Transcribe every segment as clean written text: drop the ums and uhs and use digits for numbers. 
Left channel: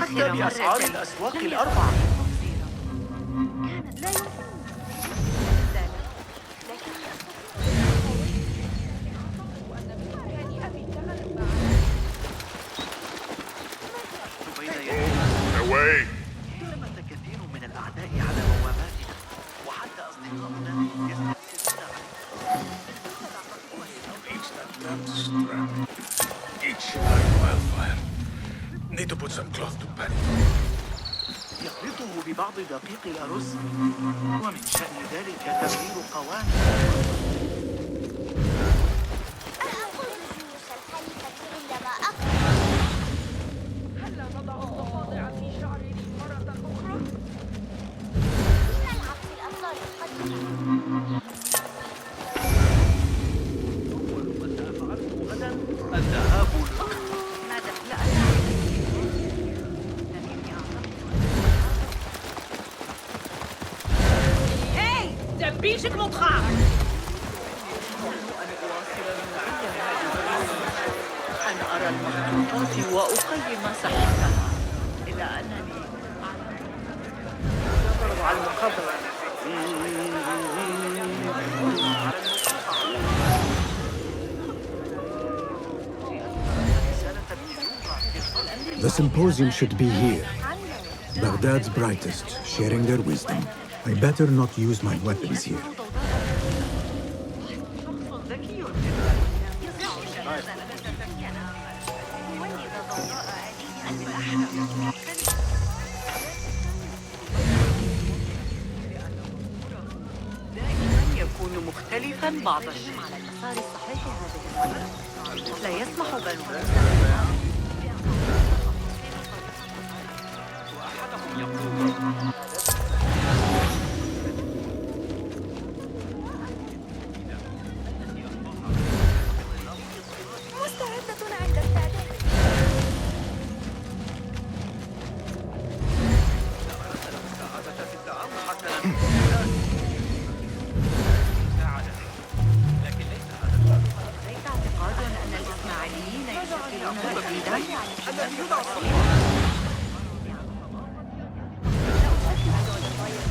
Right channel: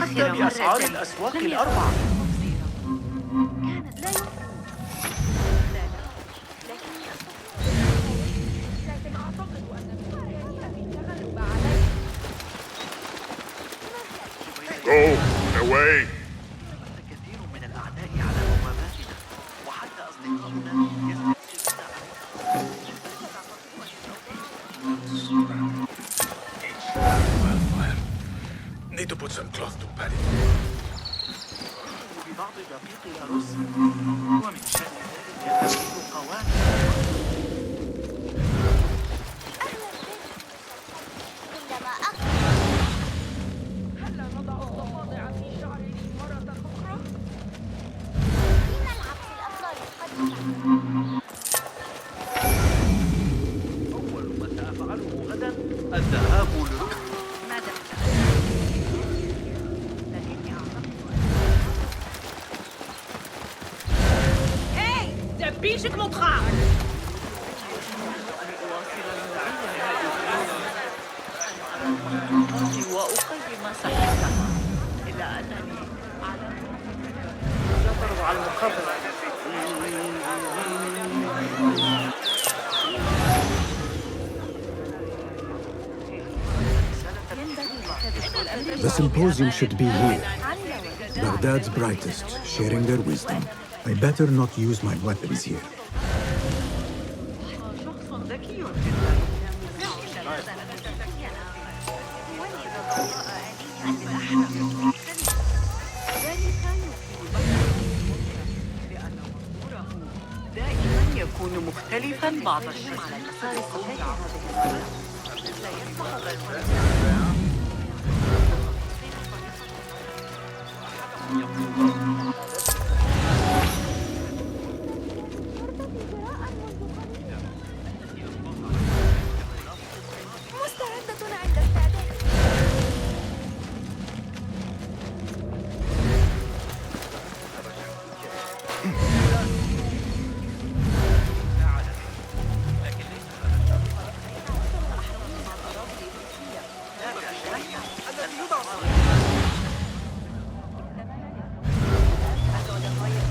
حتى بأسعار الأسواق الأربعة. بعض دقيق الأرز ومن شأن ذلك تبديل قوام. أول ما سأفعله غدا الذهاب. بيشك مضخام. أن أواصل المضي هذه اليوم. أن أرى المخطوطات وأقيم صحتها. إلا أنني أتفرج على المخطط. The symposium should be here. Baghdad's brightest, sharing their wisdom. I better not use my weapons here.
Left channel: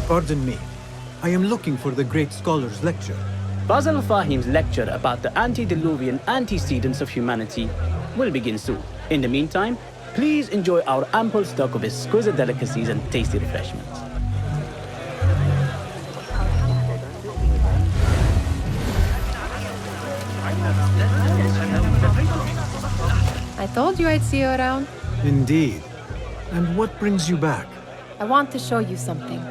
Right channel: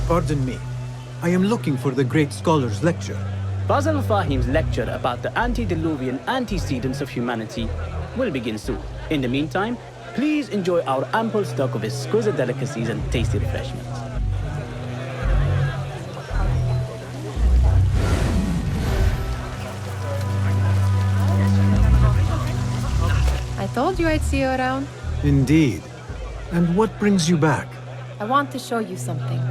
Pardon me. I am looking for the great scholar's lecture. Basil Fahim's lecture about the antediluvian antecedents of humanity will begin soon. In the meantime, please enjoy our ample stock of exquisite delicacies and tasty refreshments. I told you I'd see you around. Indeed. And what brings you back? I want to show you something.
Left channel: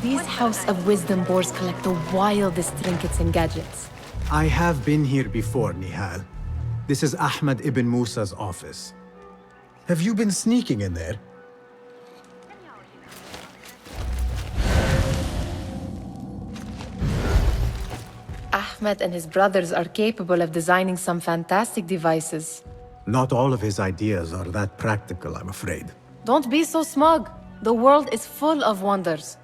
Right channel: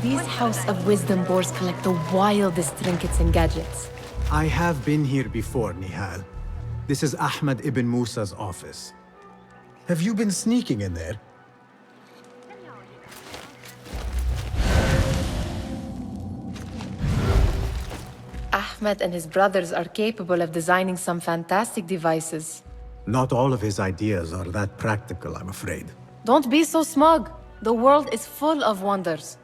These House of Wisdom boars collect the wildest trinkets and gadgets. I have been here before, Nihal. This is Ahmed ibn Musa's office. Have you been sneaking in there? Ahmed and his brothers are capable of designing some fantastic devices. Not all of his ideas are that practical, I'm afraid. Don't be so smug. The world is full of wonders.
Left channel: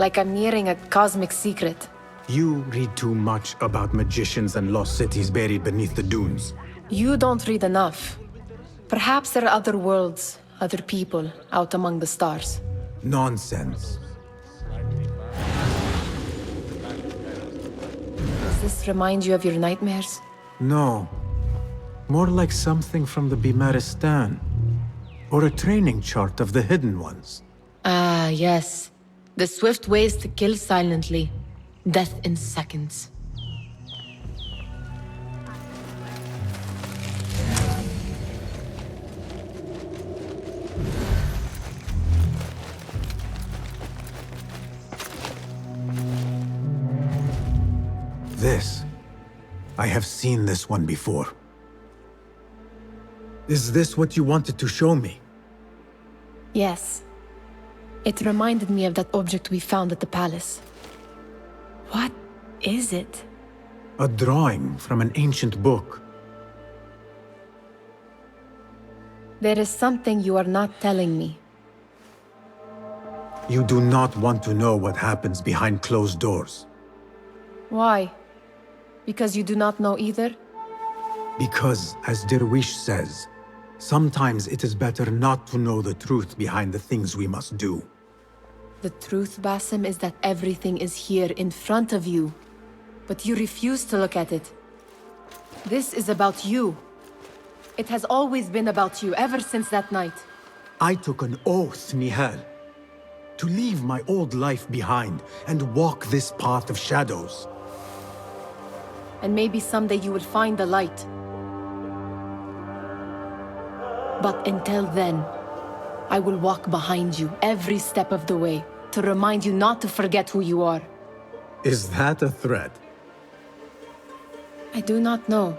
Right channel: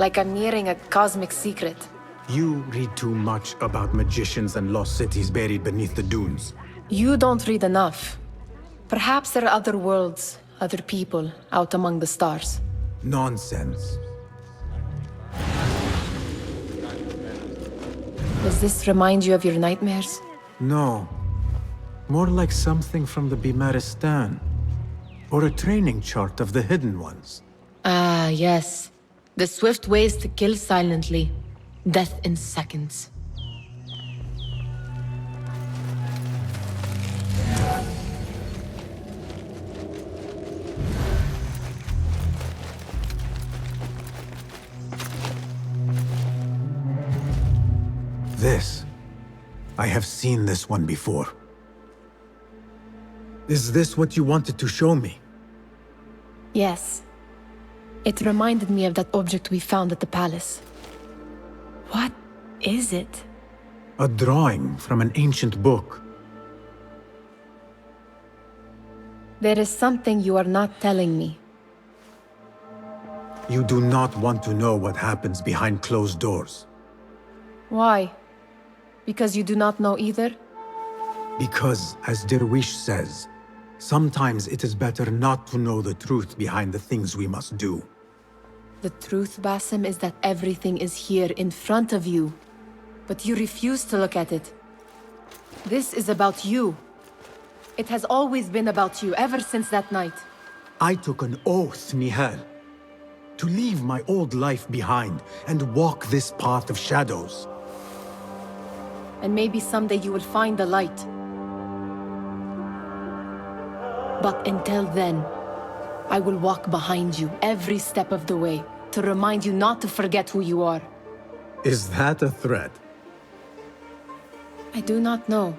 Like I'm nearing a cosmic secret. You read too much about magicians and lost cities buried beneath the dunes. You don't read enough. Perhaps there are other worlds, other people, out among the stars. Nonsense. Does this remind you of your nightmares? No. More like something from the Bimaristan. Or a training chart of the Hidden Ones. Ah, yes. The swift ways to kill silently. Death in seconds. This. I have seen this one before. Is this what you wanted to show me? Yes. It reminded me of that object we found at the palace. What is it? A drawing from an ancient book. There is something you are not telling me. You do not want to know what happens behind closed doors. Why? Because you do not know either? Because, as Derwish says, sometimes it is better not to know the truth behind the things we must do. The truth, Basim, is that everything is here in front of you. But you refuse to look at it. This is about you. It has always been about you, ever since that night. I took an oath, Nihal, to leave my old life behind and walk this path of shadows. And maybe someday you will find the light. But until then, I will walk behind you every step of the way to remind you not to forget who you are. Is that a threat? I do not know.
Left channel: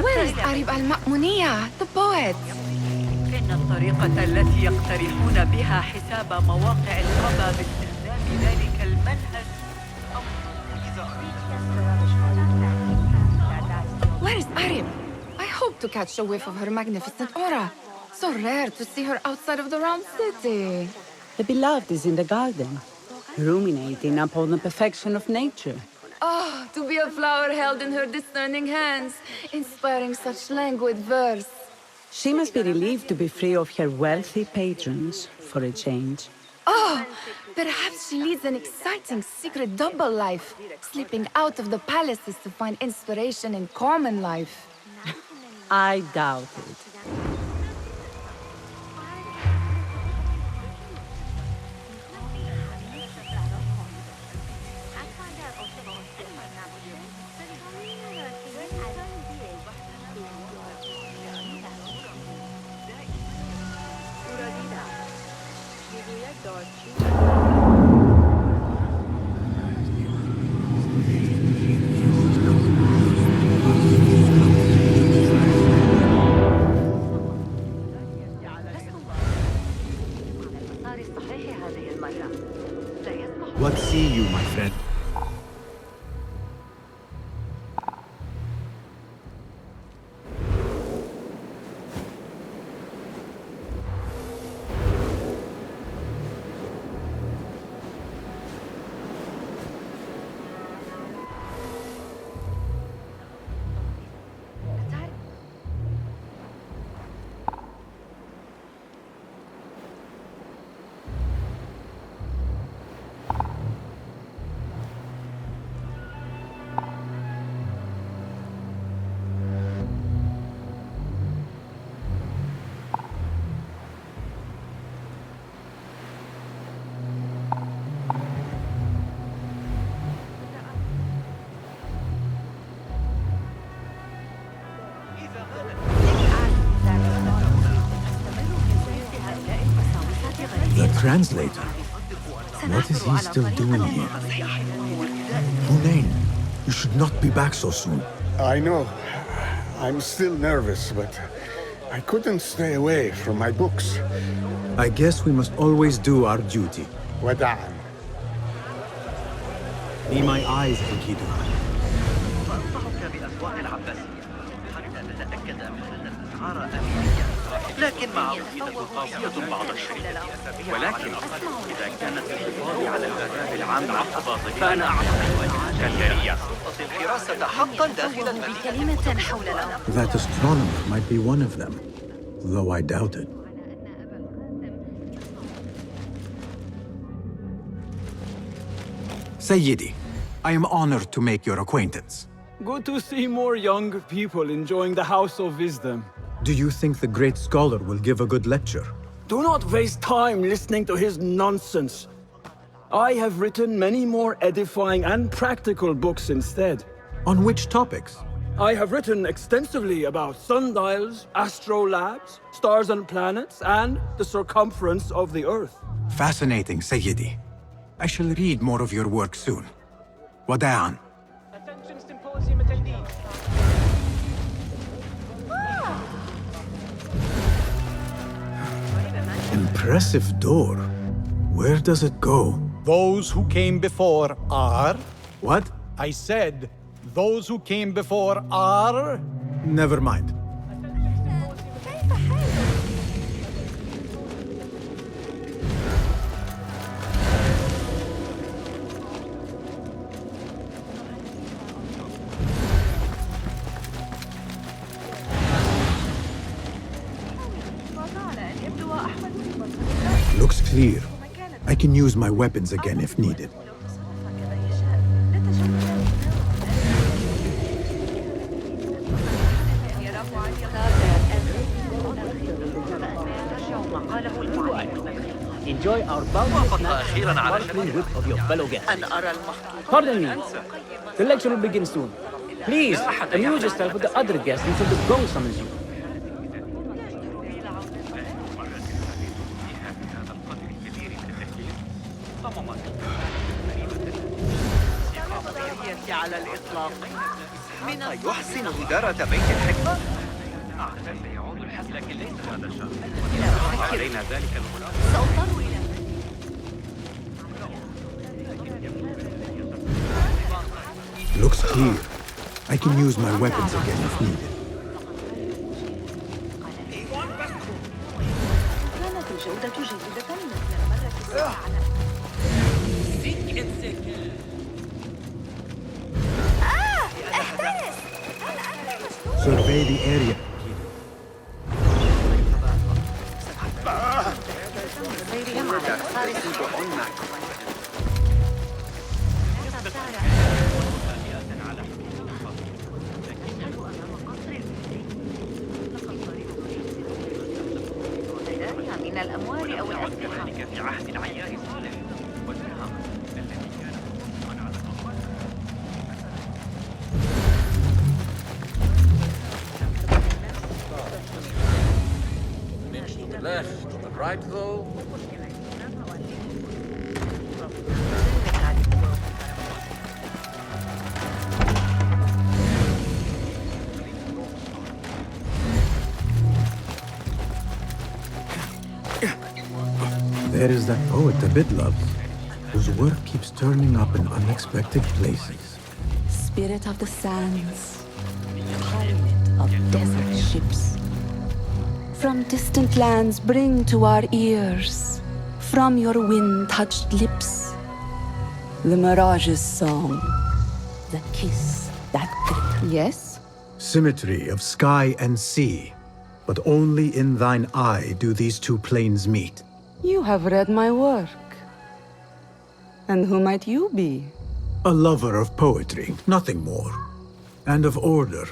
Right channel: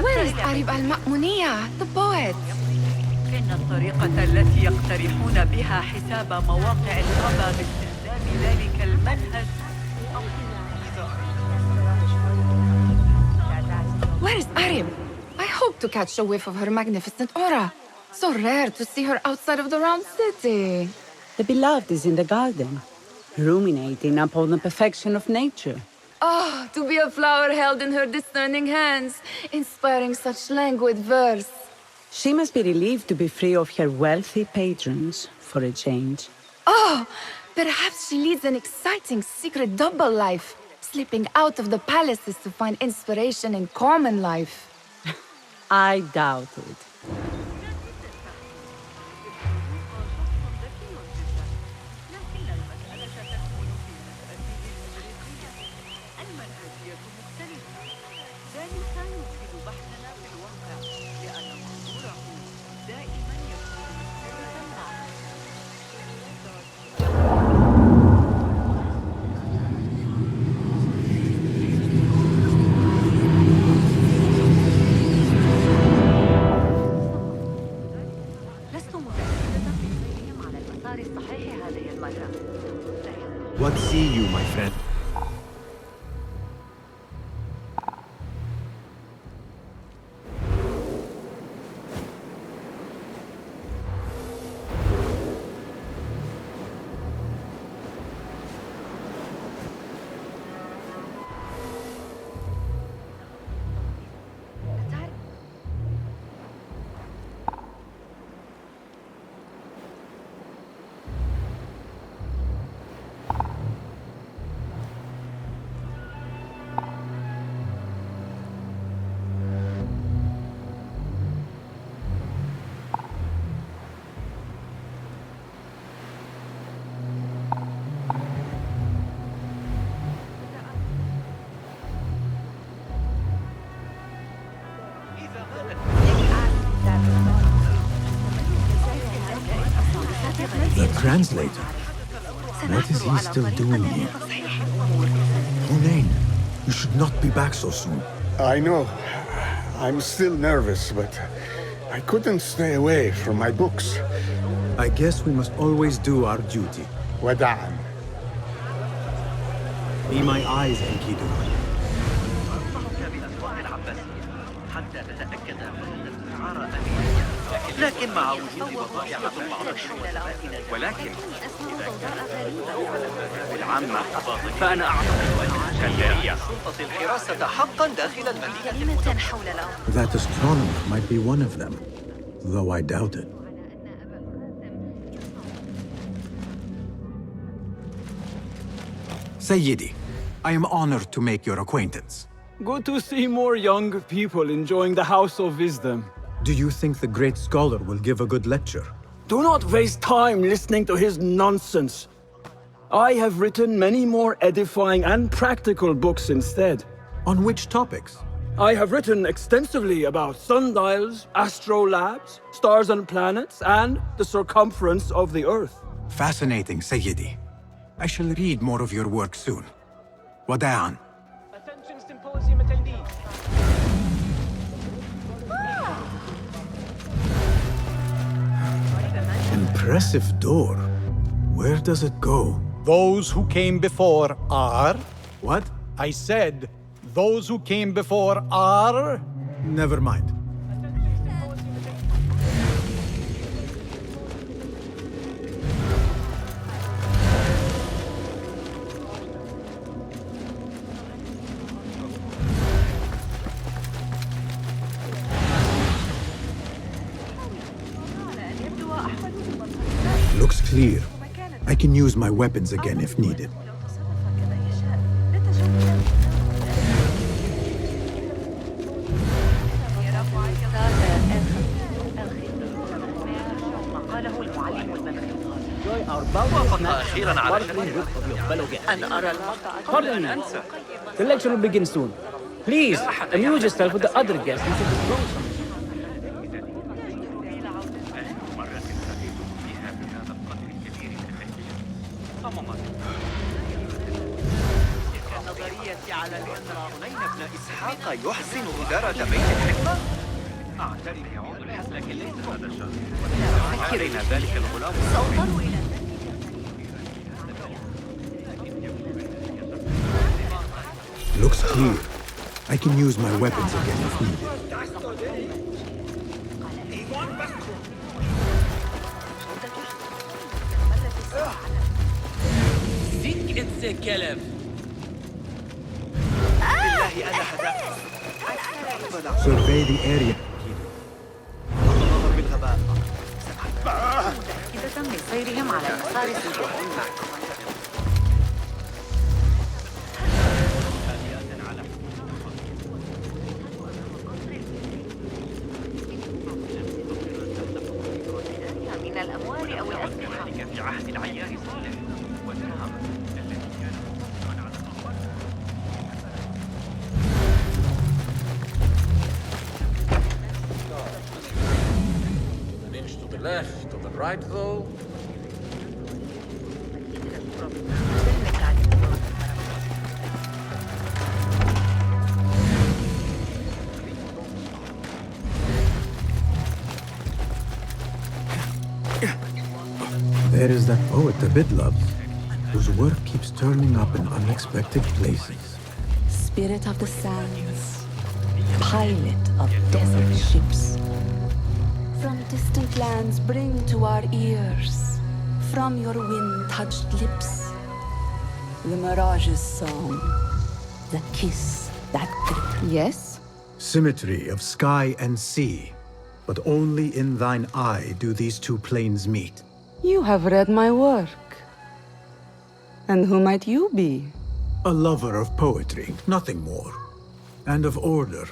Where is Arib al-Ma'muniyah, the poet? إن الطريقة التي يقترحون بها حساب مواقع الخبا باستخدام ذلك المنهج. Where is Arib? I hope to catch a whiff of her magnificent aura. So rare to see her outside of the round city. The beloved is in the garden, ruminating upon the perfection of nature. Oh, to be a flower held in her discerning hands, inspiring such languid verse. She must be relieved to be free of her wealthy patrons, for a change. Oh, perhaps she leads an exciting secret double life, slipping out of the palaces to find inspiration in common life. I doubt it. What see you, my friend? The translator? What is he still doing here? Hunain, you should not be back so soon. I know. I'm still nervous, but I couldn't stay away from my books. I guess we must always do our duty. Wada'an. Be my eyes, Enkidu. ولكن إذا كانت الحفاظ على الآداب العامة فأنا الشرطة الحراسة حقا أوه بكلمة حولنا. That astronomer might be one of them, though I doubt it. Sayyidi, I am honored to make your acquaintance. Good to see more young people enjoying the House of Wisdom. Do you think the great scholar will give a good lecture? Do not waste time listening to his nonsense. I have written many more edifying and practical books instead. On which topics? I have written extensively about sundials, astrolabes, stars and planets, and the circumference of the Earth. Fascinating, Sayyidi. I shall read more of your work soon. Wada'an. Impressive door. Where does it go? Those who came before are... What? I said, those who came before are... Never mind. Looks clear. I can use my weapons again if needed. Enjoy our bounteous snacks and the sparkling wit of your fellow guests. Pardon me. The lecture will begin soon. Please, amuse yourself with the other guests until the gong summons you. على الإطلاق بين ابن إسحاق يحسن إدارة بيت الحكمة علينا ذلك الغلام Looks clear. I can use my weapons again if needed. Survey the area. There is that poet Abid loves, whose work keeps turning up in unexpected places. Spirit of the sands, pilot of desert ships. From distant lands bring to our ears, from your wind-touched lips, the Mirage's song, the kiss that grip. Yes? Symmetry of sky and sea, but only in thine eye do these two planes meet. You have read my work. And who might you be? A lover of poetry, nothing more. And of order.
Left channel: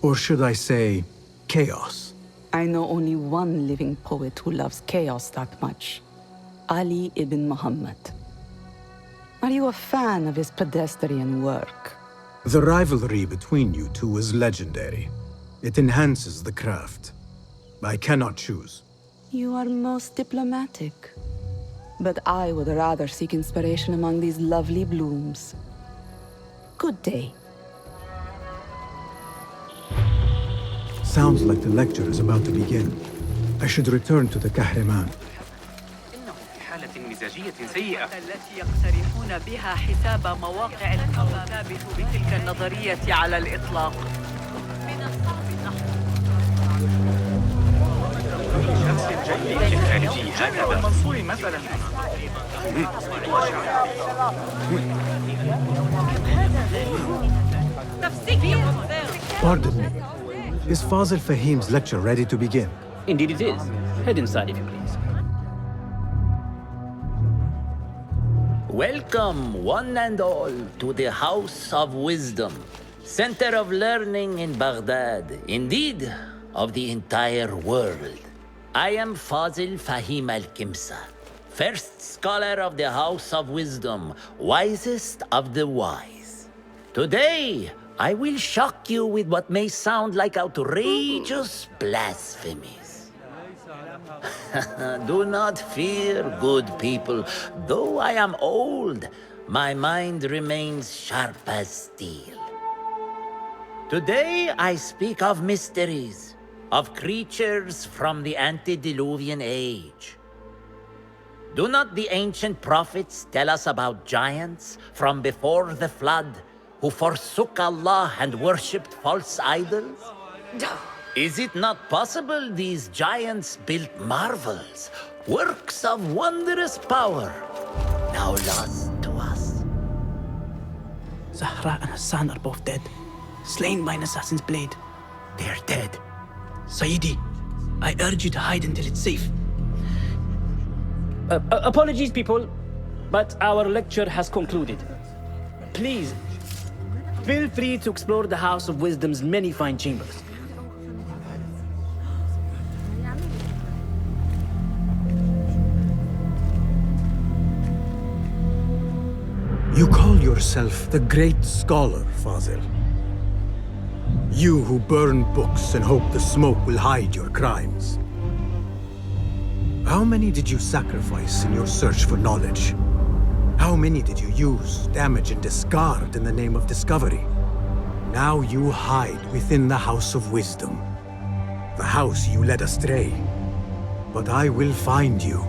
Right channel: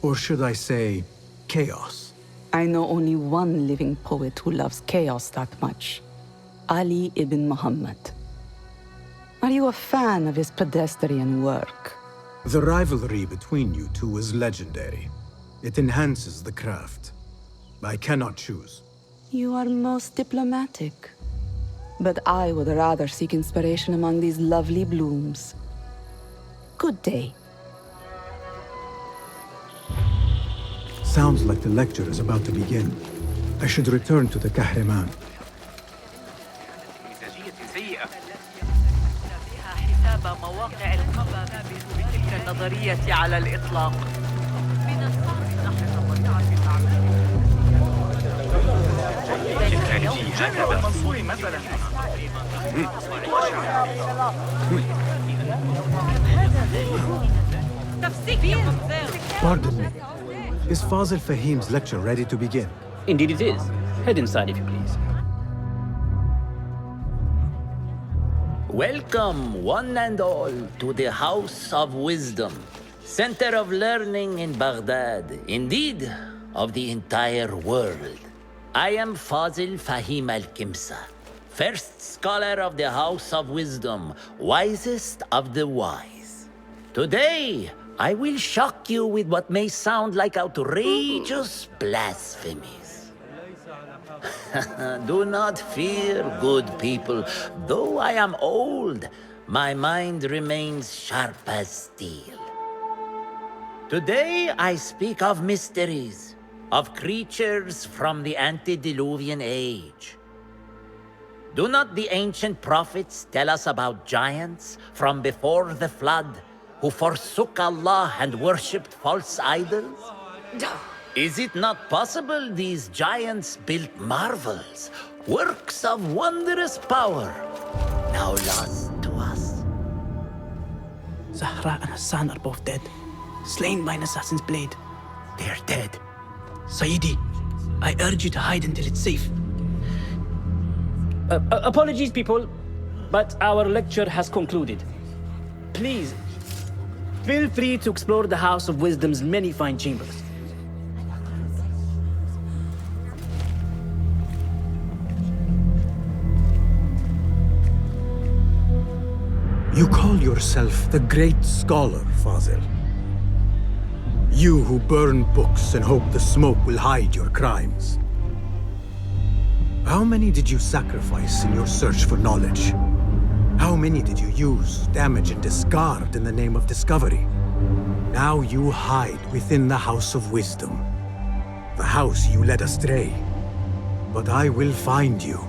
Or should I say, chaos. I know only one living poet who loves chaos that much. Ali ibn Muhammad. Are you a fan of his pedestrian work? The rivalry between you two is legendary. It enhances the craft. I cannot choose. You are most diplomatic. But I would rather seek inspiration among these lovely blooms. Good day. Sounds like the lecture is about to begin. I should return to the Kahraman. التي يقترحون بها حساب مواقع تنمو ثابت بتلك النظرية على الإطلاق. شمس جيد جامع المنصور مثلا Pardon me. Is Fazil Fahim's lecture ready to begin? Indeed it is. Head inside if you please. Welcome, one and all, to the House of Wisdom. center of learning in Baghdad, indeed, of the entire world. I am Fazil Fahim al-Kimsa, first scholar of the House of Wisdom, wisest of the wise. Today, I will shock you with what may sound like outrageous blasphemies. Do not fear, good people. Though I am old, my mind remains sharp as steel. Today, I speak of mysteries, of creatures from the antediluvian age. Do not the ancient prophets tell us about giants from before the flood who forsook Allah and worshipped false idols? Is it not possible these giants built marvels, works of wondrous power, now lost to us? Zahra and Hassan are both dead, slain by an assassin's blade. They're dead. Sayyidi, I urge you to hide until it's safe. Apologies, people, but our lecture has concluded. Please, feel free to explore the House of Wisdom's many fine chambers. You call yourself the great scholar, Fazil. You who burn books and hope the smoke will hide your crimes. How many did you sacrifice in your search for knowledge? How many did you use, damage, and discard in the name of discovery? Now you hide within the House of Wisdom, the house you led astray. But I will find you,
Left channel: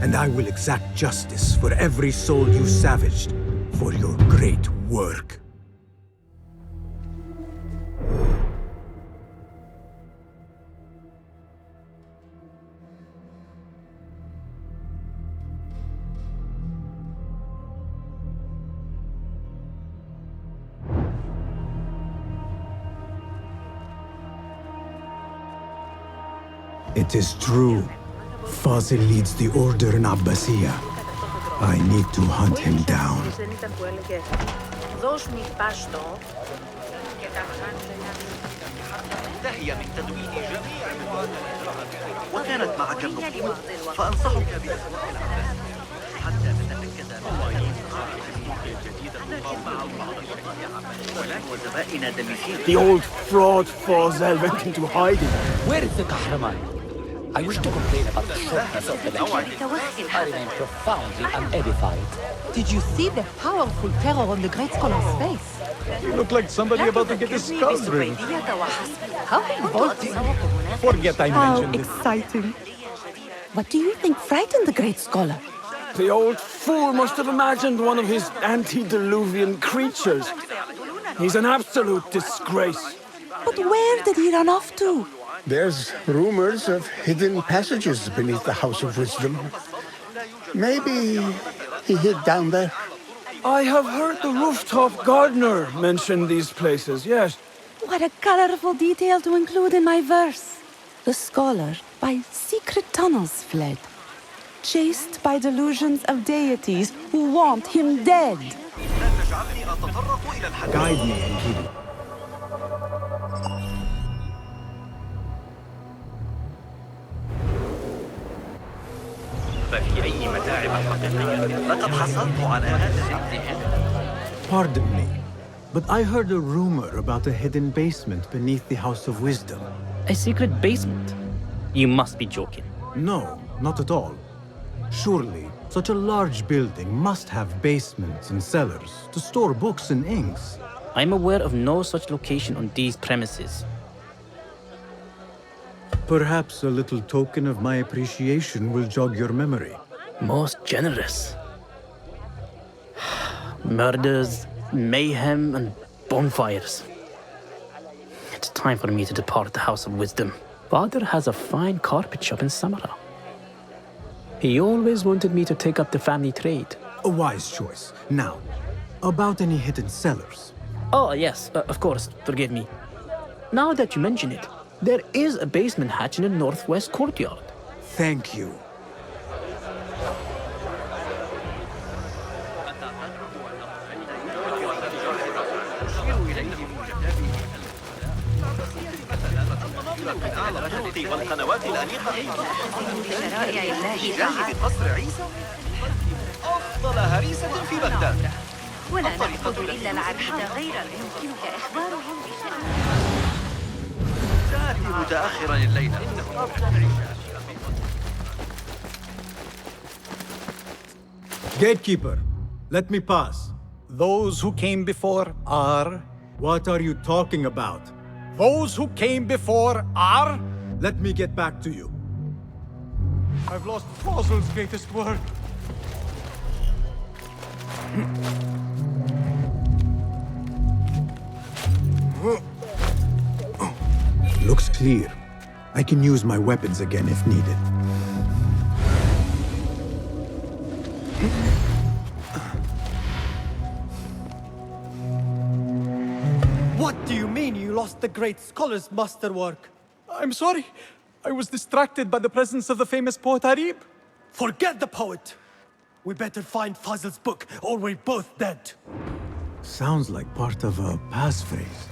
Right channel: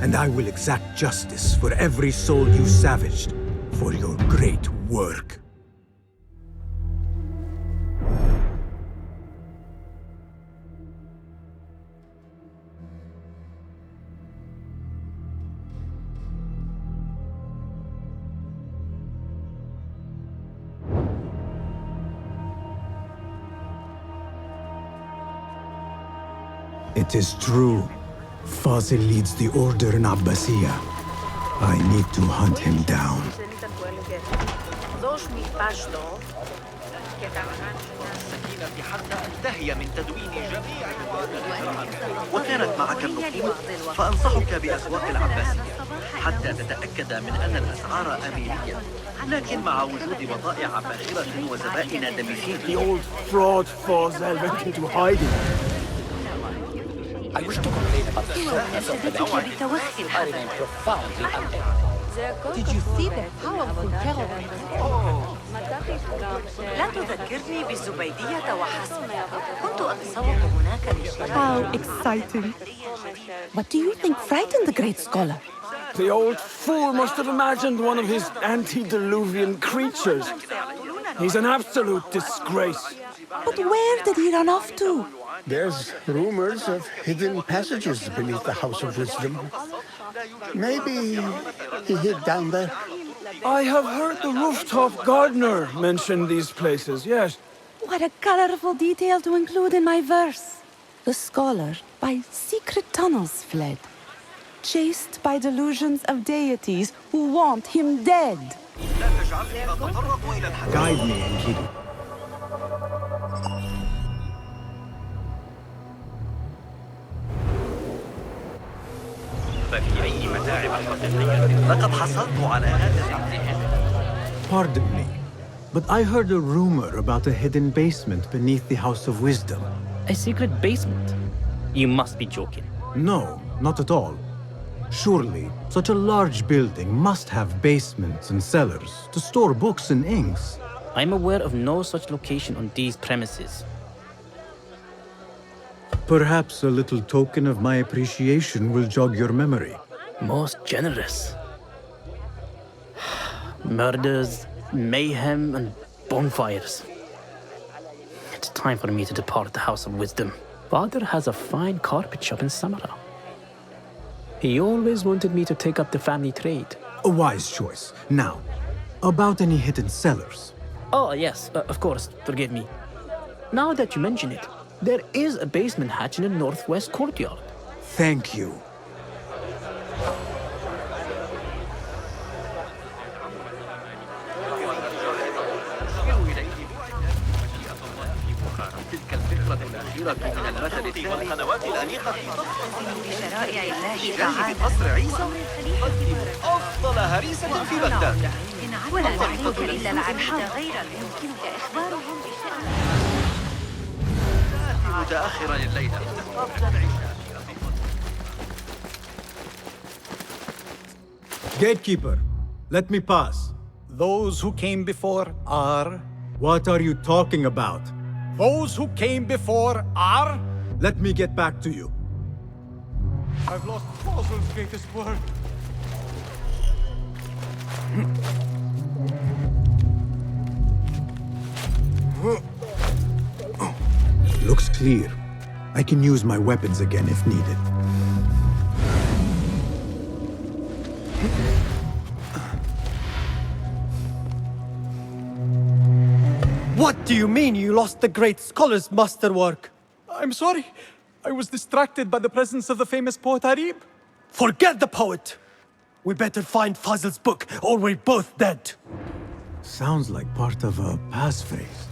and I will exact justice for every soul you savaged for your great work. It is true. Fazil leads the order in Abbasiyah. I need to hunt him down. وكانت معك النقود فأنصحك بأسواق العباسية حتى تتأكد من أن الأسعار أميرية، لكن مع وجود بضائع باخرة وزبائن دميسين. The old fraud Fazil went into hiding. Where is the kahraman? سوى مناشدتك بتوخي الحذر. Edified. Did you see the powerful terror on the great scholar's face? He looked like somebody about to get his skull drilled. How revolting. Forget I How mentioned it. exciting. What do you think frightened the great scholar? The old fool must have imagined one of his antediluvian creatures. He's an absolute disgrace. But where did he run off to? There's rumors of hidden passages beneath the House of Wisdom. Maybe he hid down there. I have heard the rooftop gardener mention these places, yes. What a colorful detail to include in my verse. The scholar by secret tunnels fled, chased by delusions of deities who want him dead. Guide me, Enkidu. Pardon me, but I heard a rumor about a hidden basement beneath the House of Wisdom. A secret basement? You must be joking. No, not at all. Surely, such a large building must have basements and cellars to store books and inks. I'm aware of no such location on these premises. Perhaps a little token of my appreciation will jog your memory. Most generous. Murders, mayhem, and bonfires. It's time for me to depart the House of Wisdom. Father has a fine carpet shop in Samarra. He always wanted me to take up the family trade. A wise choice. Now, about any hidden cellars. Oh, yes, of course, forgive me. Now that you mention it, there is a basement hatch in the northwest courtyard. Thank you. تلك الفكرة الأخيرة من أعلى المثل والقنوات بجانب قصر عيسى قدم أفضل هريسة في بغداد ولا نأخذ إلا العبد. تأتي متأخرا الليلة. Gatekeeper, let me pass. Those who came before are... What are you talking about? Those who came before are... Let me get back to you. I've lost Fazl's greatest work. Looks clear. I can use my weapons again if needed. What do you mean you lost the great scholar's masterwork? I'm sorry. I was distracted by the presence of the famous poet Arib. Forget the poet! We better find Fazl's book, or we're both dead. Sounds like part of a passphrase.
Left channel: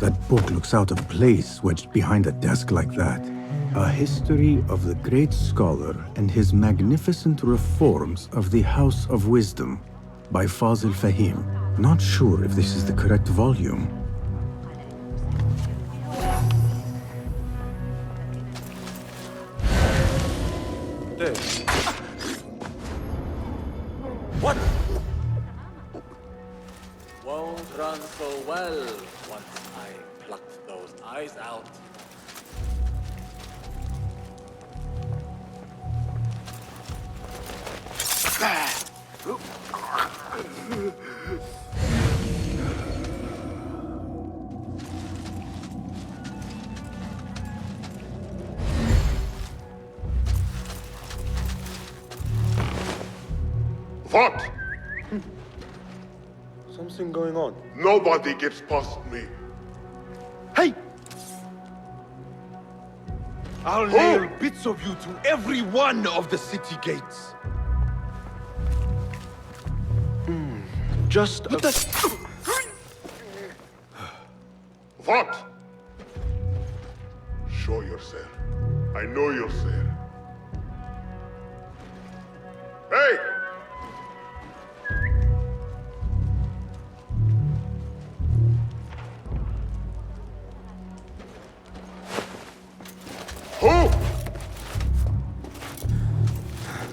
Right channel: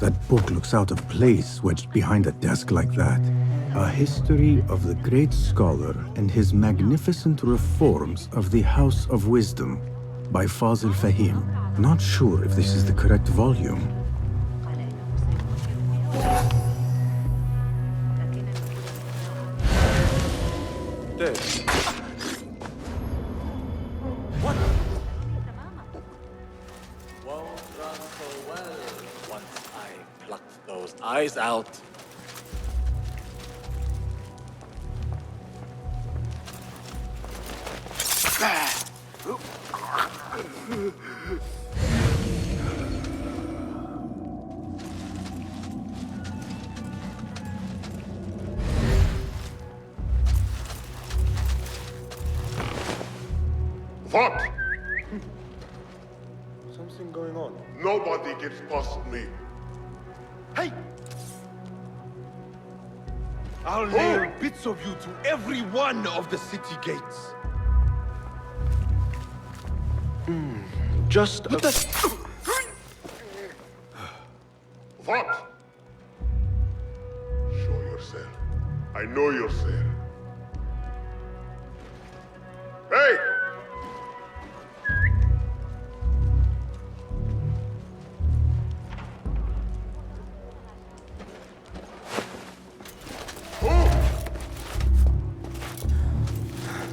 That book looks out of place wedged behind a desk like that. A history of the great scholar and his magnificent reforms of the House of Wisdom by Fazl Fahim. Not sure if this is the correct volume. Dead. What? Won't run so well once I plucked those eyes out. What? Something going on. Nobody gets past me. Hey! I'll nail bits of you to every one of the city gates. Just What? Show yourself. I know you're there. Hey! Who?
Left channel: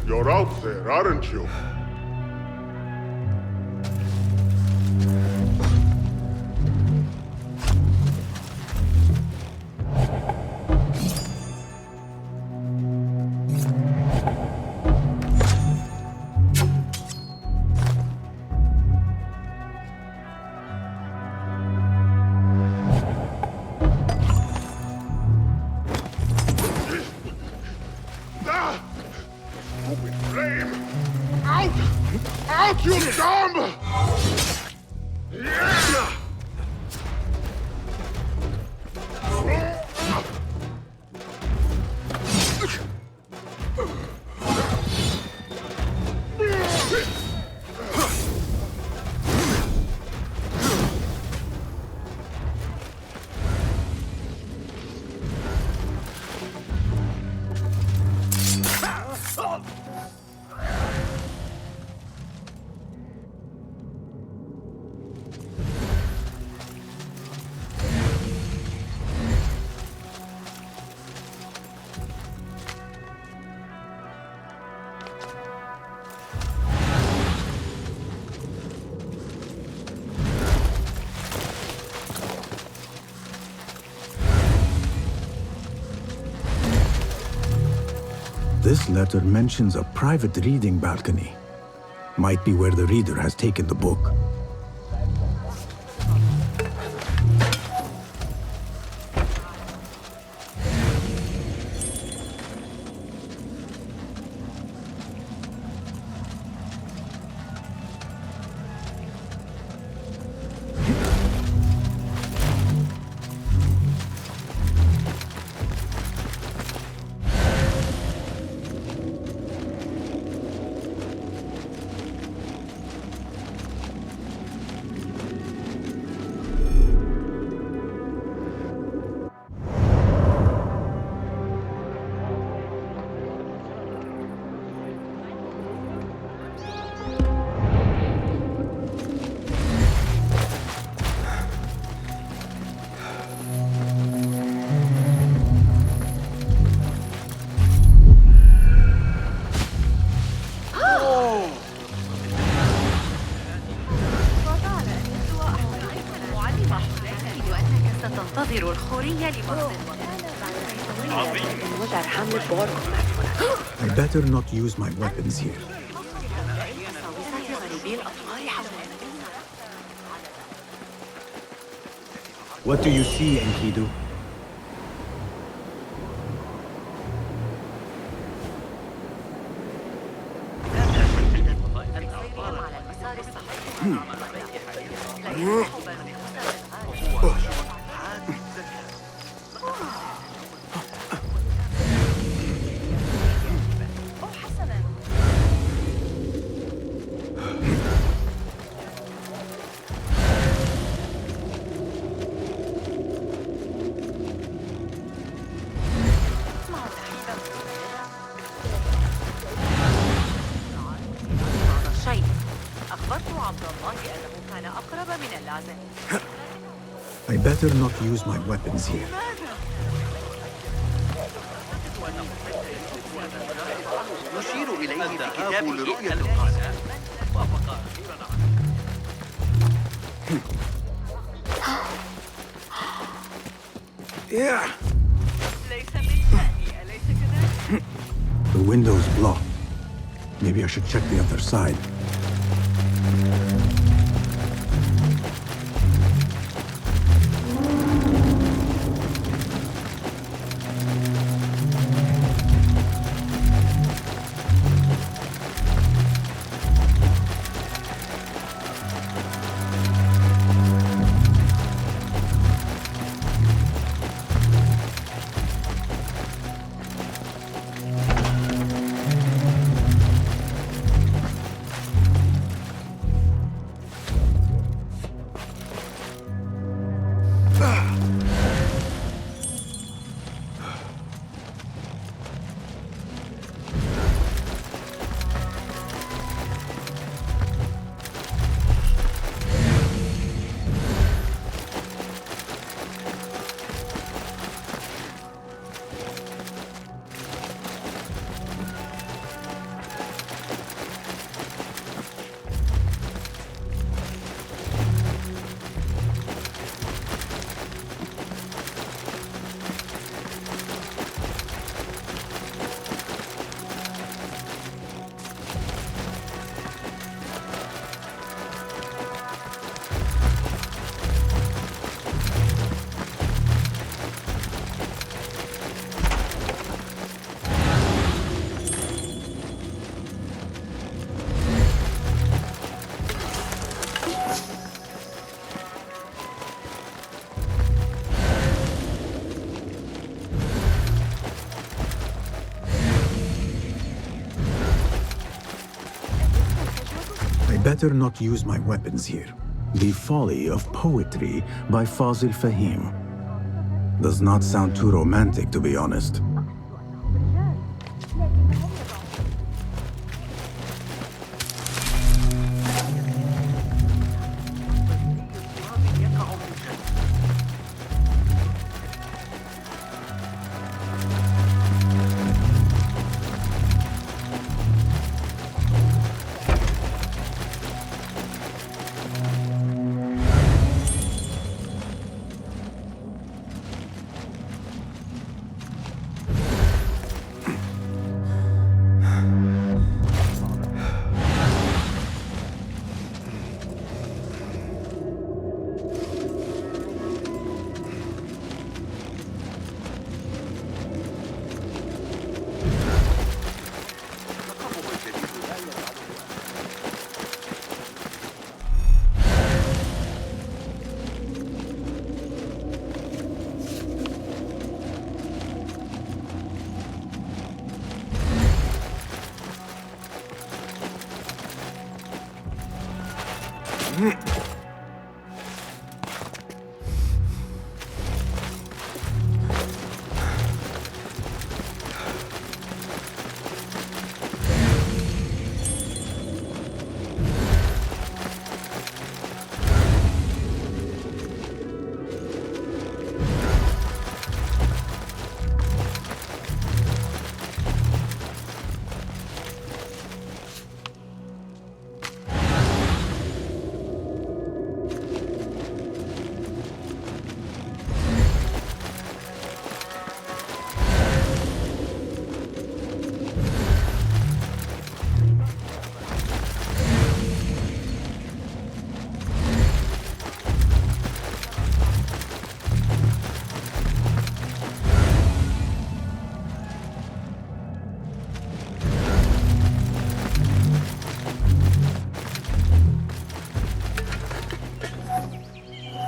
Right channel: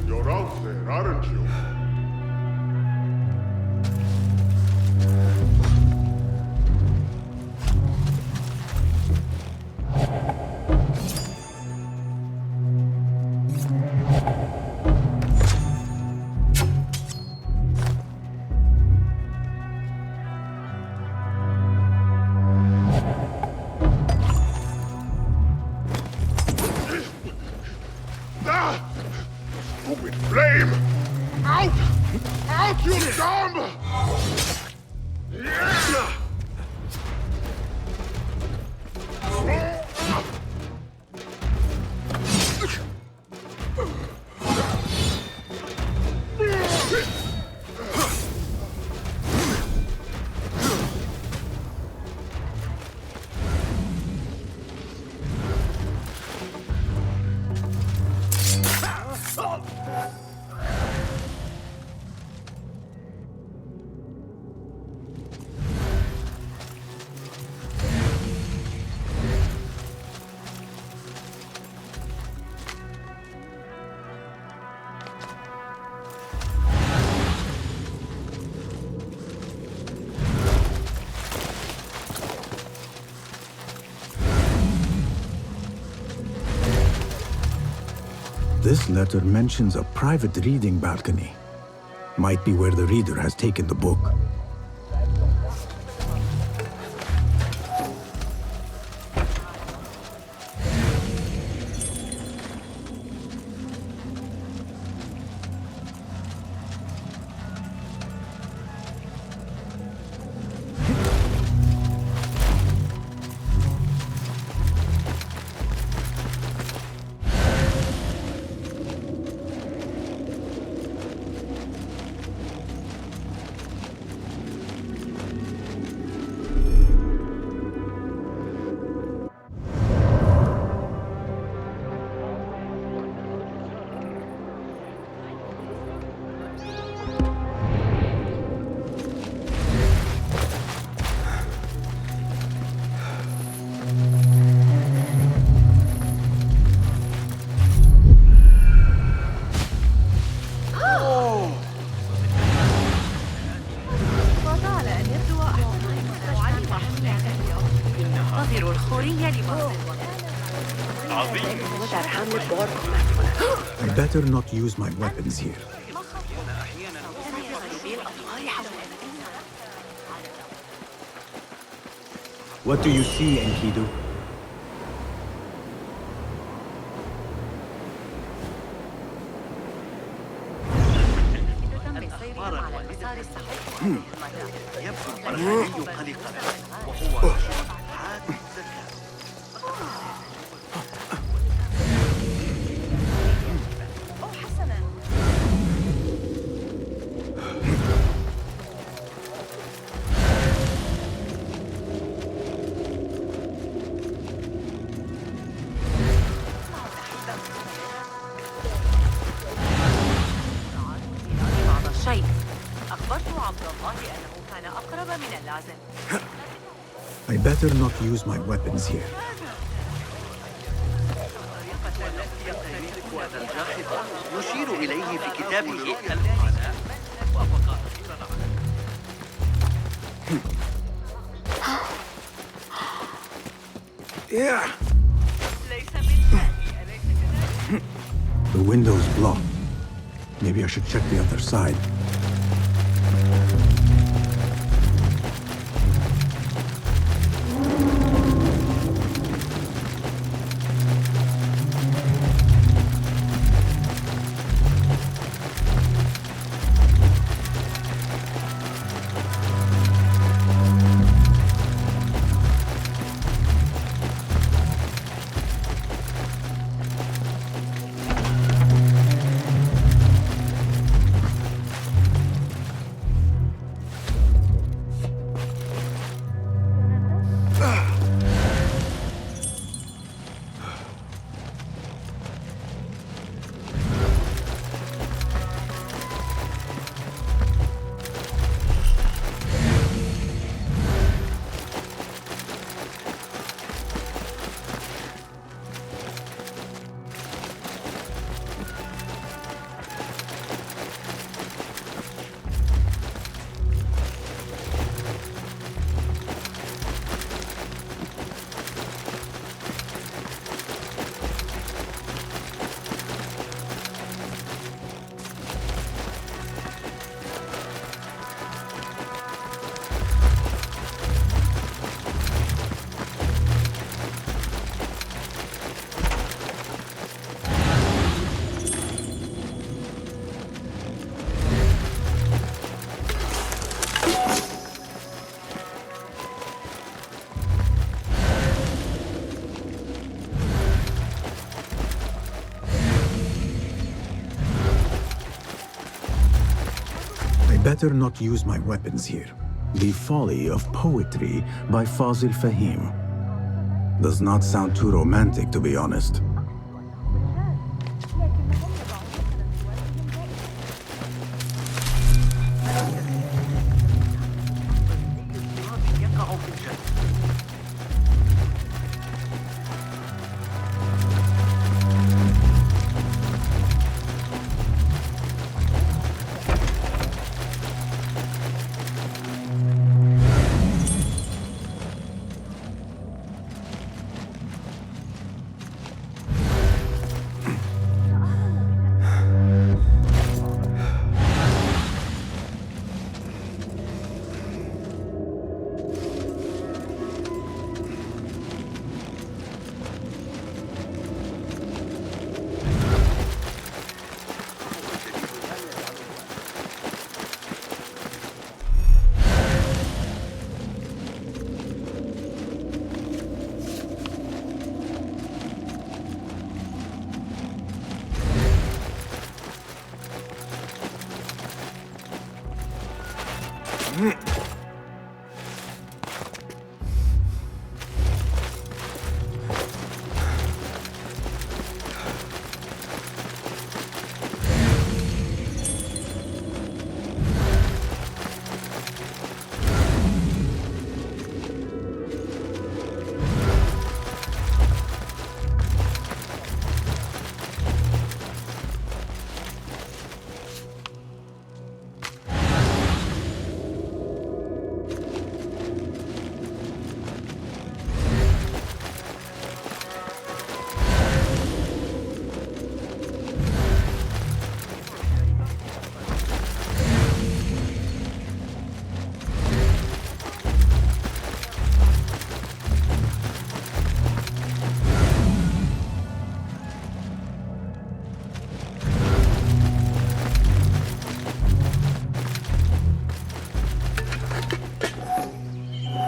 You're out there, aren't you? Stupid flame! Out! Out, you dumb! This letter mentions a private reading balcony. Might be where the reader has taken the book. I better not use my weapons here. What do you see, Enkidu? I better not use my weapons here. يشير إليه الذهاب لرؤية Yeah. The window's blocked. Maybe I should check the other side. Better not use my weapons here. The Folly of Poetry by Fazil Fahim. Does not sound too romantic, to be honest.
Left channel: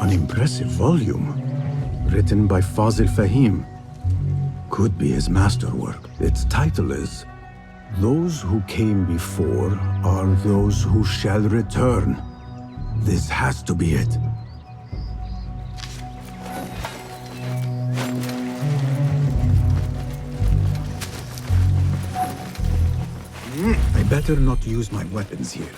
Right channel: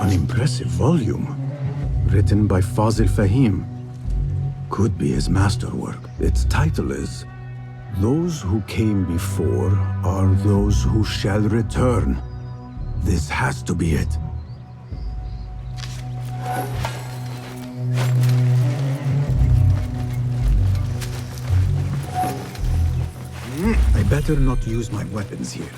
An impressive volume. Written by Fazil Fahim. Could be his masterwork. Its title is Those Who Came Before Are Those Who Shall Return. This has to be it. I better not use my weapons here.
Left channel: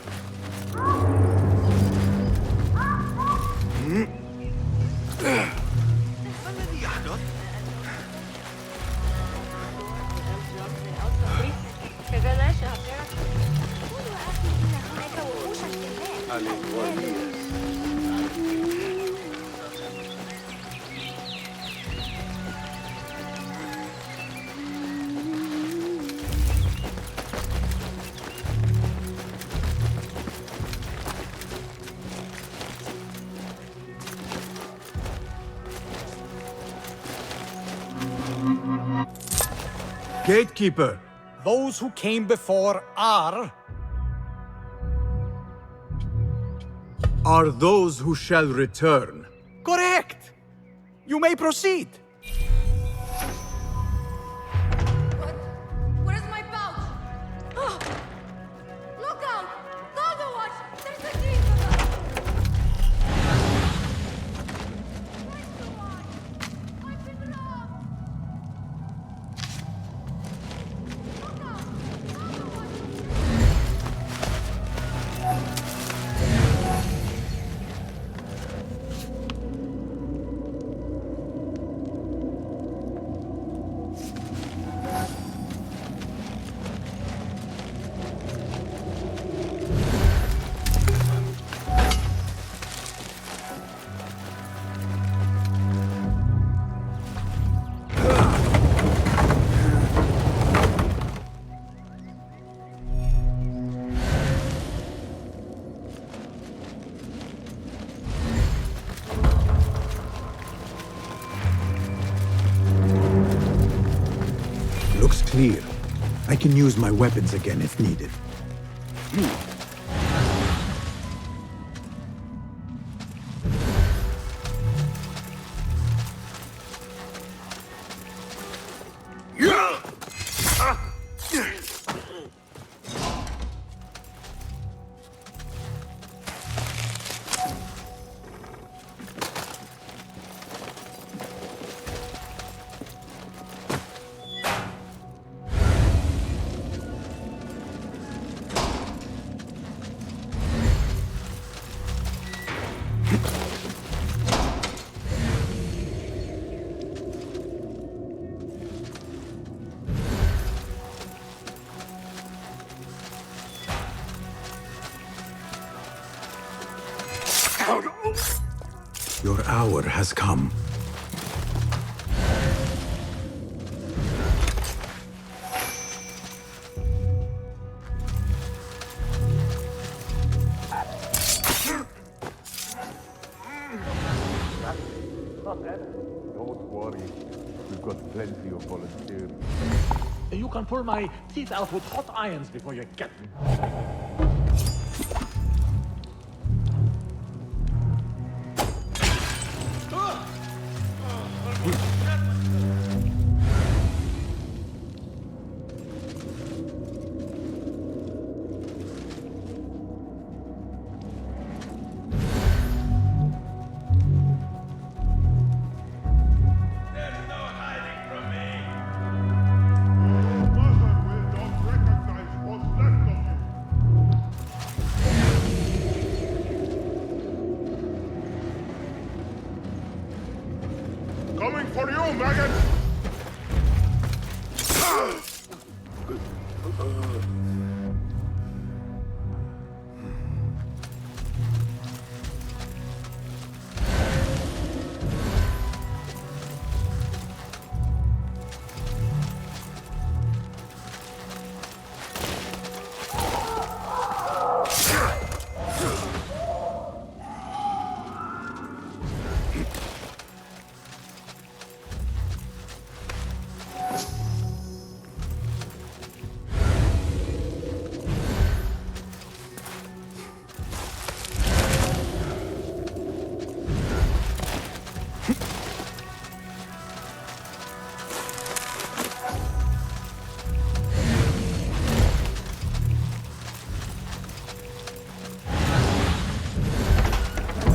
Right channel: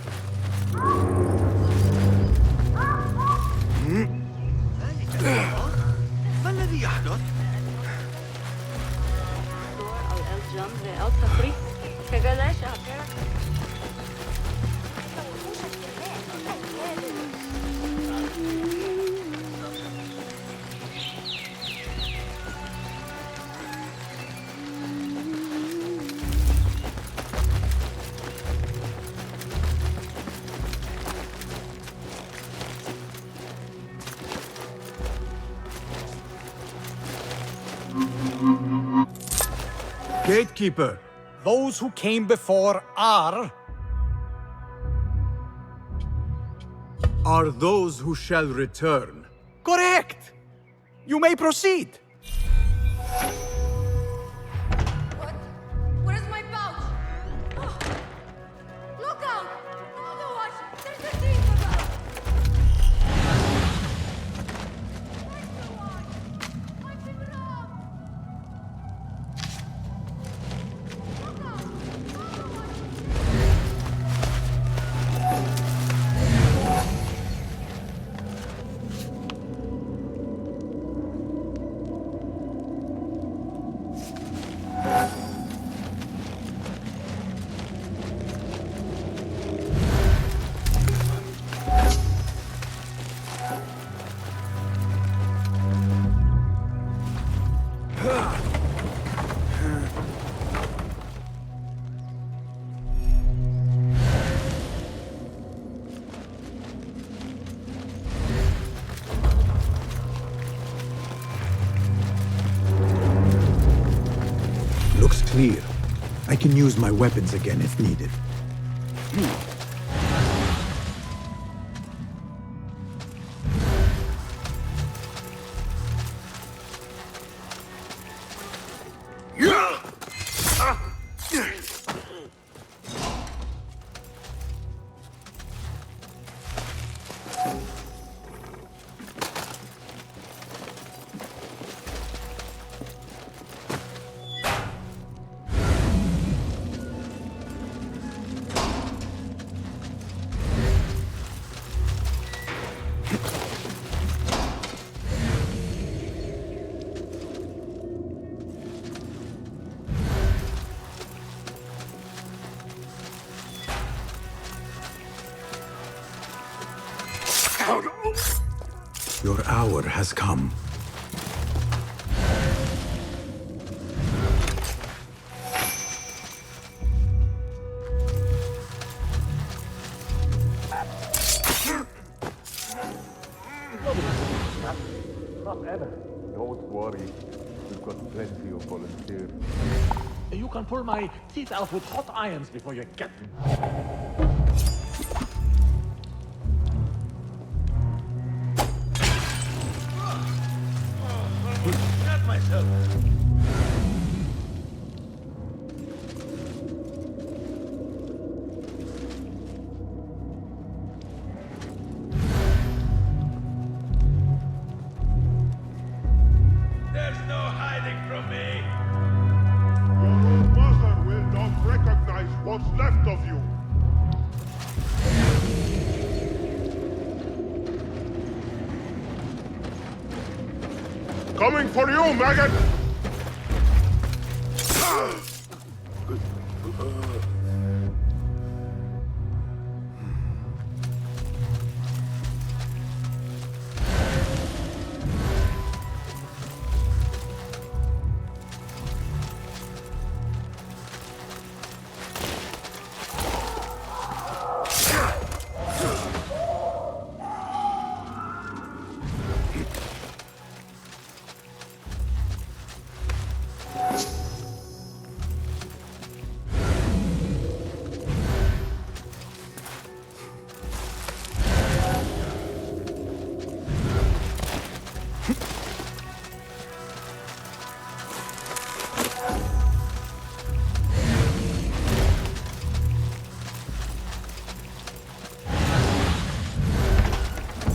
Gatekeeper, those who came before are those who shall return. correct. You may proceed. Look out! Looks clear. I can use my weapons again if needed. Your hour has come. Don't worry. We've got plenty of volunteers. You can pull my teeth out with hot irons before you get me. There's no hiding from me. Your mother will not recognize what's left of you. Coming for you, maggot!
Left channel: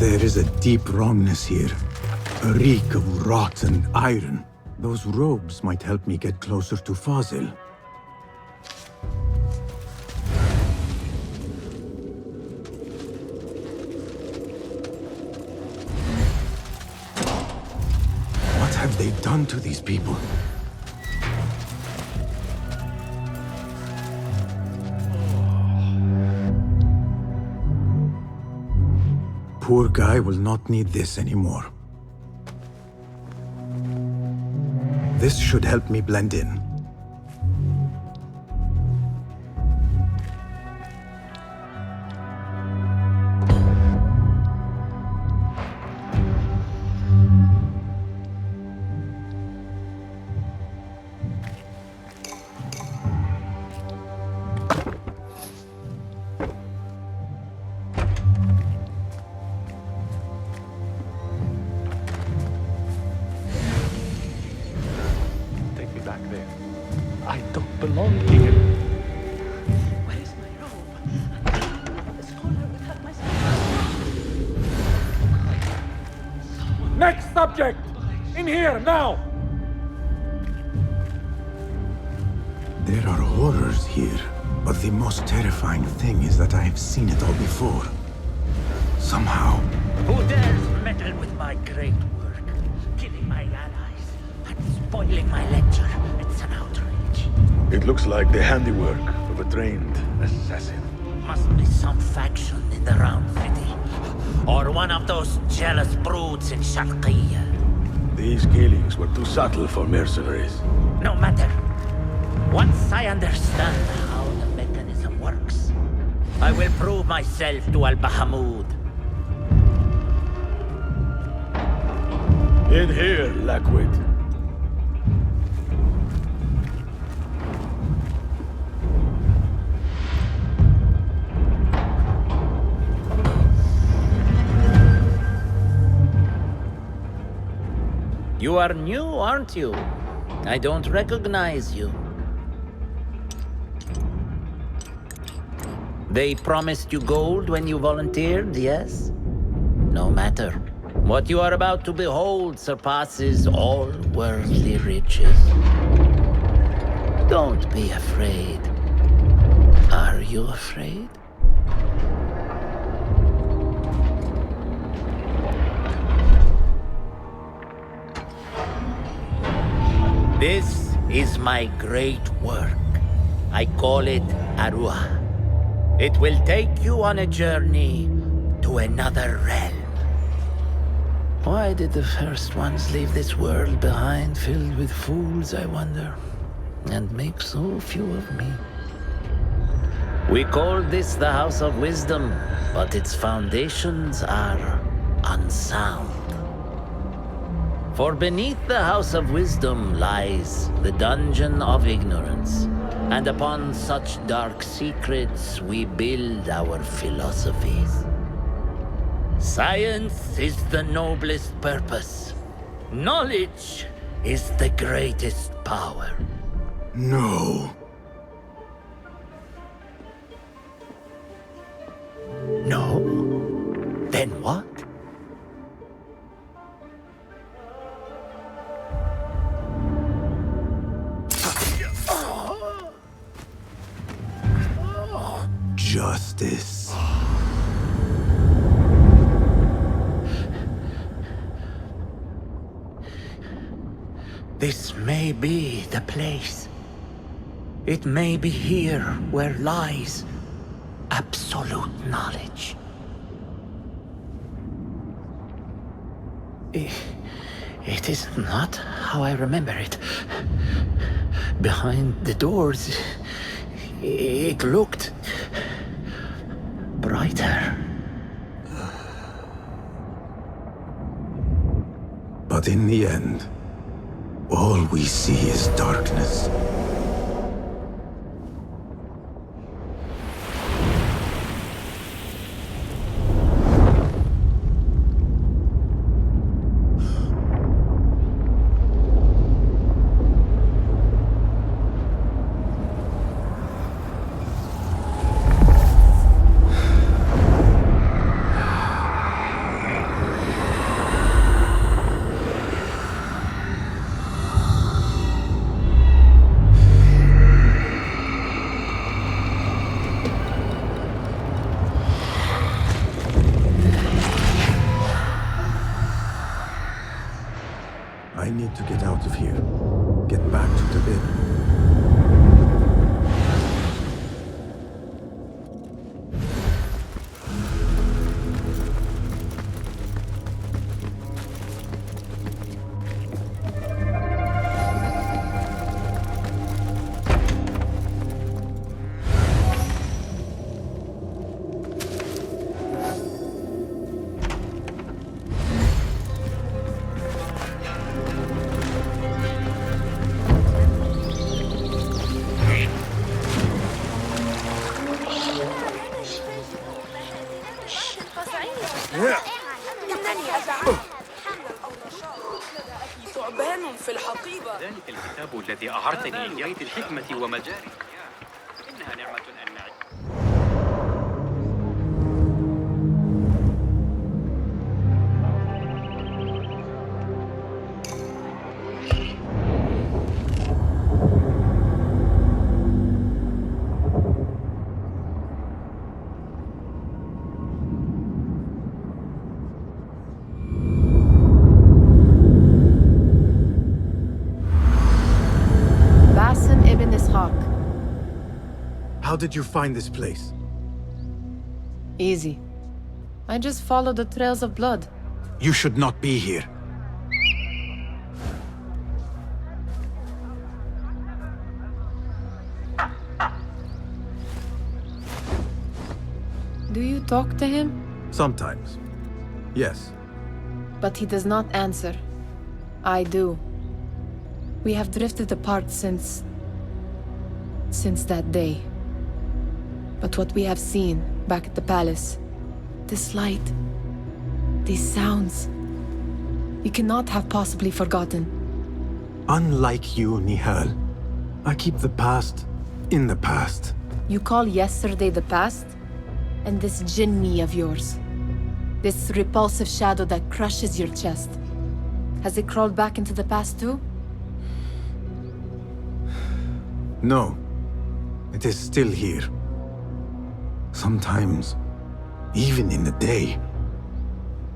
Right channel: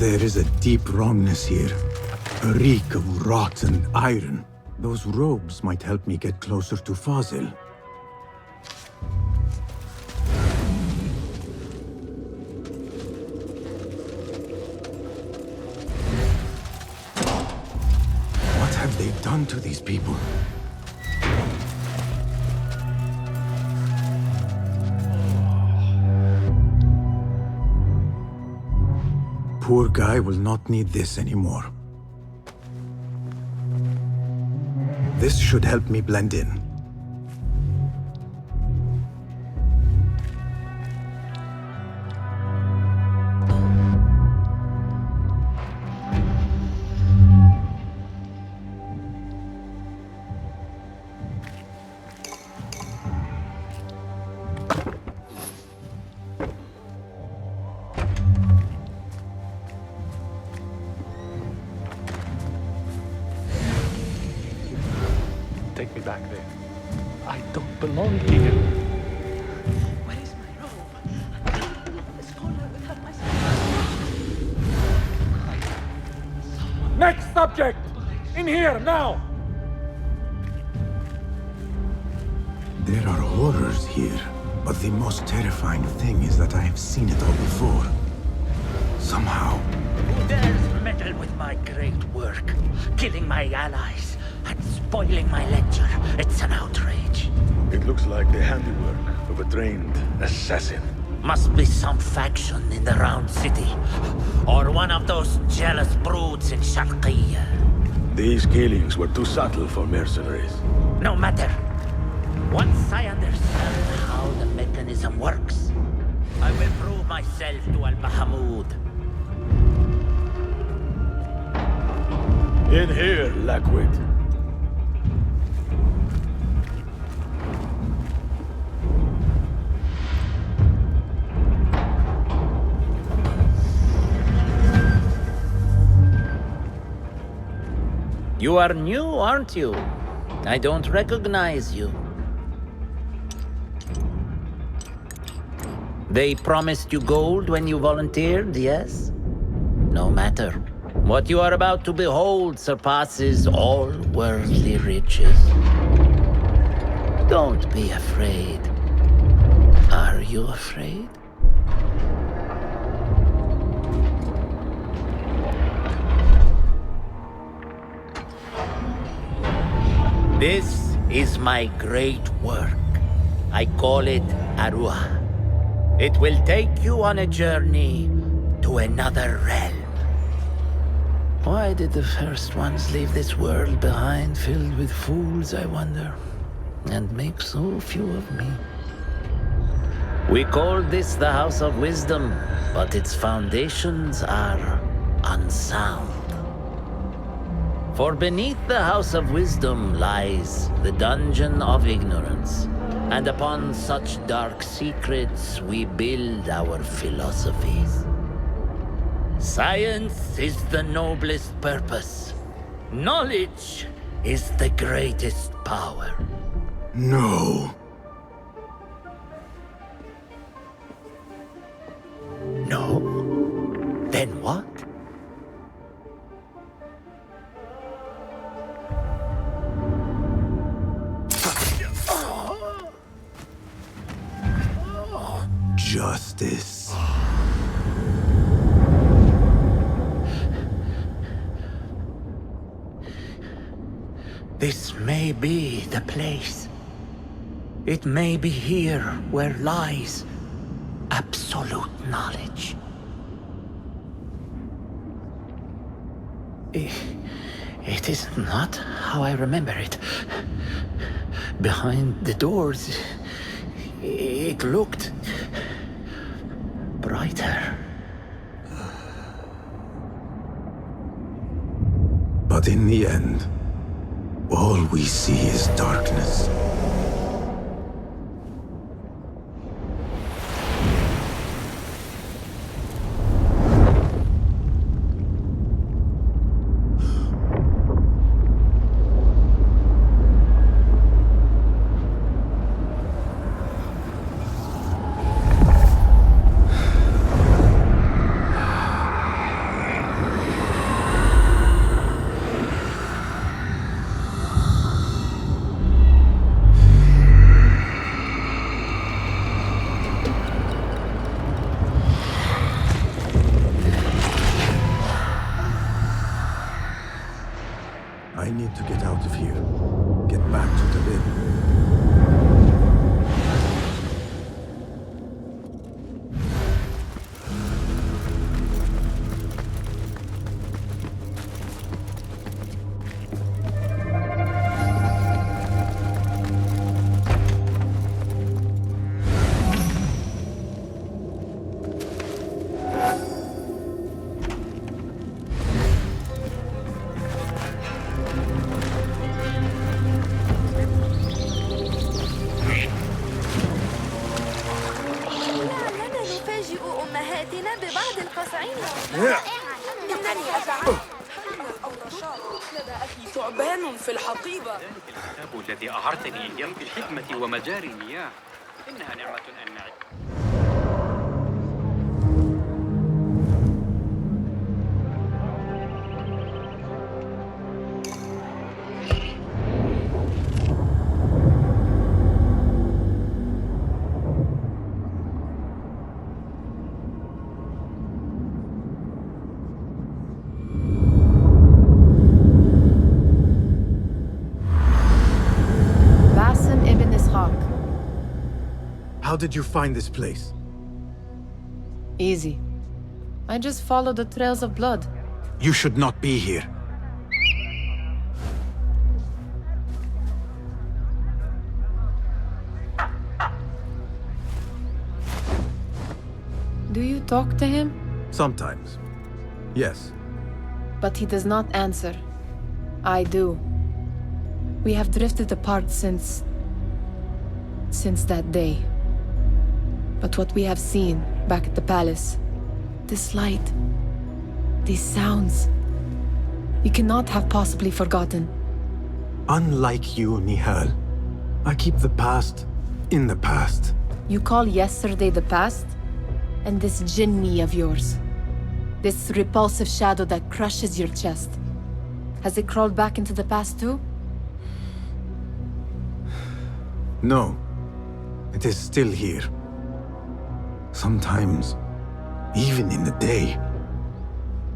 There is a deep wrongness here. A reek of rot and iron. Those robes might help me get closer to Fazil. What have they done to these people? Poor guy will not need this anymore. This should help me blend in. Take me back there. I don't belong here. Next subject! In here, now! There are horrors here, but the most terrifying thing is that I have seen it all before. Somehow. Who dares meddle with my great work? Killing my allies and spoiling my lecture. It's an outrage. It looks like the handiwork of a trained assassin. Must be some faction in the Round City. Or one of those These killings were too subtle for mercenaries. No matter. Once I understand how the mechanism works, I will prove myself to Al-Bahamud. In here, Lackwit. You are new, aren't you? I don't recognize you. They promised you gold when you volunteered, yes? No matter. What you are about to behold surpasses all worldly riches. Don't be afraid. Are you afraid? This is my great work. I call it Arwah. It will take you on a journey to another realm. Why did the first ones leave this world behind, filled with fools, I wonder, and make so few of me? We call this the House of Wisdom, but its foundations are unsound. For beneath the House of Wisdom lies the Dungeon of Ignorance, and upon such dark secrets we build our philosophies. Science is the noblest purpose. Knowledge is the greatest power. No. No? Then what? Justice. This may be the place. It may be here where lies absolute knowledge. It is not how I remember it. Behind the doors, it looked brighter. But in the end, all we see is darkness. I need to get out of here. Get back to the bed. لقد فاجأناها. لدى أخي ثعبان في الحقيقة. ذلك الكتاب الذي أعرتني بيت الحكمة ومجاري المياه. Basim Ibn Ishaq. How did you find this place? Easy. I just followed the trails of blood. You should not be here. Do you talk to him? Sometimes. Yes. But he does not answer. I do. We have drifted apart since that day. But what we have seen back at the palace, this light, these sounds, you cannot have possibly forgotten. Unlike you, Nihal, I keep the past in the past. You call yesterday the past? And this jinni of yours, this repulsive shadow that crushes your chest, has it crawled back into the past too? No. It is still here. Sometimes, even in the day,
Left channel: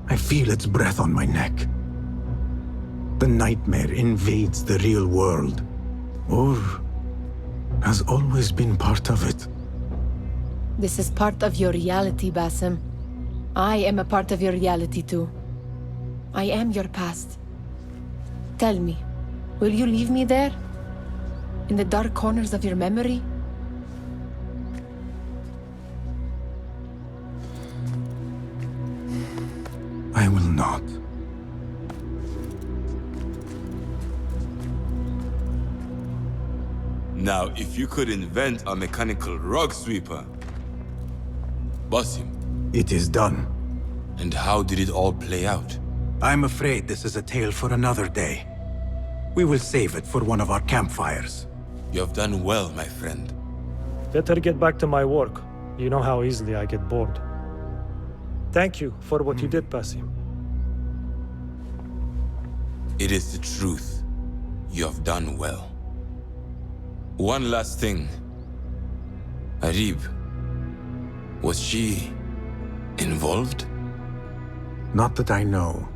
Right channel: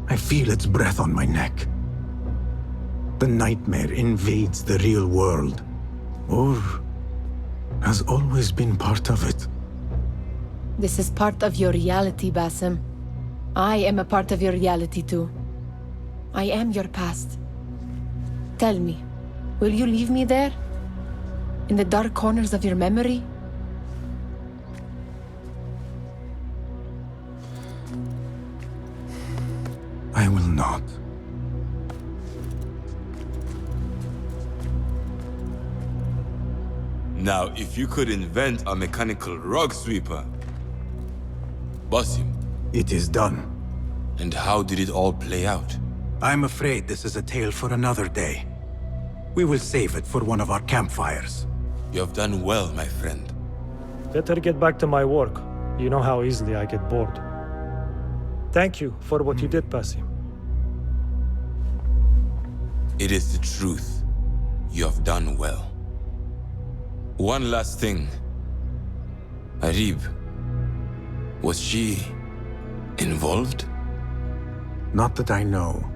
I feel its breath on my neck. The nightmare invades the real world, or has always been part of it. This is part of your reality, Basim. I am a part of your reality too. I am your past. Tell me, will you leave me there? In the dark corners of your memory? I will not. Now, if you could invent a mechanical rug sweeper... Basim. It is done. And how did it all play out? I'm afraid this is a tale for another day. We will save it for one of our campfires. You have done well, my friend. Better get back to my work. You know how easily I get bored. Thank you for what you did, Basim. It is the truth. You have done well. One last thing. Arib, was she involved? Not that I know.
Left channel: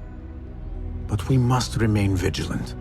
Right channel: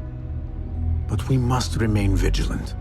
But we must remain vigilant.